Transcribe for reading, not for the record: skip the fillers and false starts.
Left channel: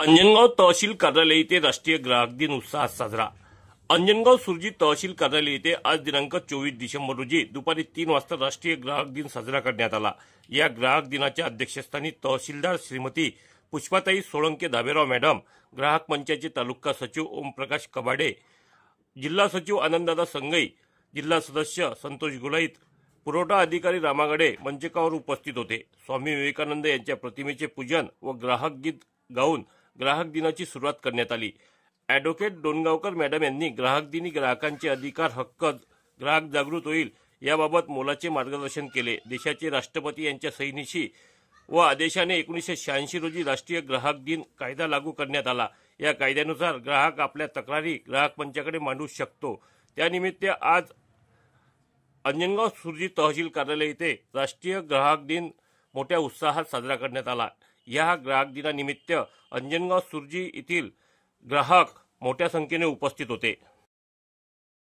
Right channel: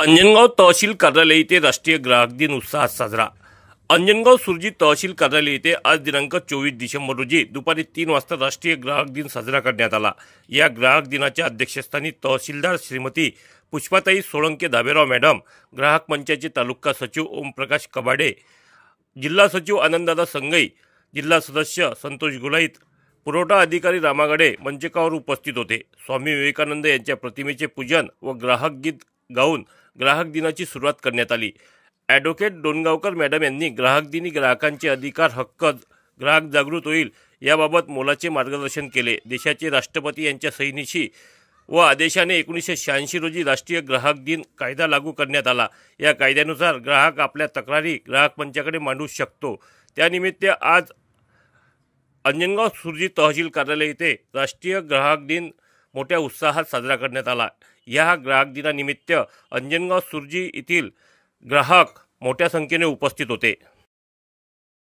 अंजनगाव तहसील कार्यालय येथे राष्ट्रीय ग्राहक दिन उत्साहात साजरा। अंजनगाव सुरजी तहसील कार्यालय येथे आज दिनांक 24 डिसेंबर रोजी दुपारी 3 वाजता राष्ट्रीय ग्राहक दिन साजरा करण्यात आला। या ग्राहक दिनाच्या अध्यक्षस्थानी तहसीलदार श्रीमती पुष्पाताई सोळंके दाबेराव मॅडम, ग्राहक मंचाचे तालुका सचिव ओमप्रकाश कबाडे, जिल्हा सचिव आनंददादा संगई, जिल्हा सदस्य संतोष गुलाईत, पुरवठा अधिकारी रामागडे मंचकावर उपस्थित होते। स्वामी विवेकानंद यांच्या प्रतिमेचे पूजन व ग्राहक गीत गाऊन ग्राहक दिनाची सुरुवात करण्यात आली। ॲडव्होकेट डोणगावकर मॅडम यांनी ग्राहक दिनी ग्राहकांचे अधिकार हक्क ग्राहक जागृत होईल याबाबत मोलाचे मार्गदर्शन केले। देशाचे राष्ट्रपती यांच्या सहीनिशी व आदेशाने 1986 रोजी राष्ट्रीय ग्राहक दिन कायदा लागू करण्यात आला। या कायद्यानुसार ग्राहक आपल्या तक्रारी ग्राहक मंचाकडे मांडू शकतो। त्यानिमित्त आज अंजनगाव सुरजी तहसील कार्यालय येथे राष्ट्रीय ग्राहक दिन मोठ्या उत्साहात साजरा करण्यात आला। या ग्राहक दिनानिमित्त अंजनगाव सुरजी येथील ग्राहक मोठ्या संख्येने उपस्थित होते।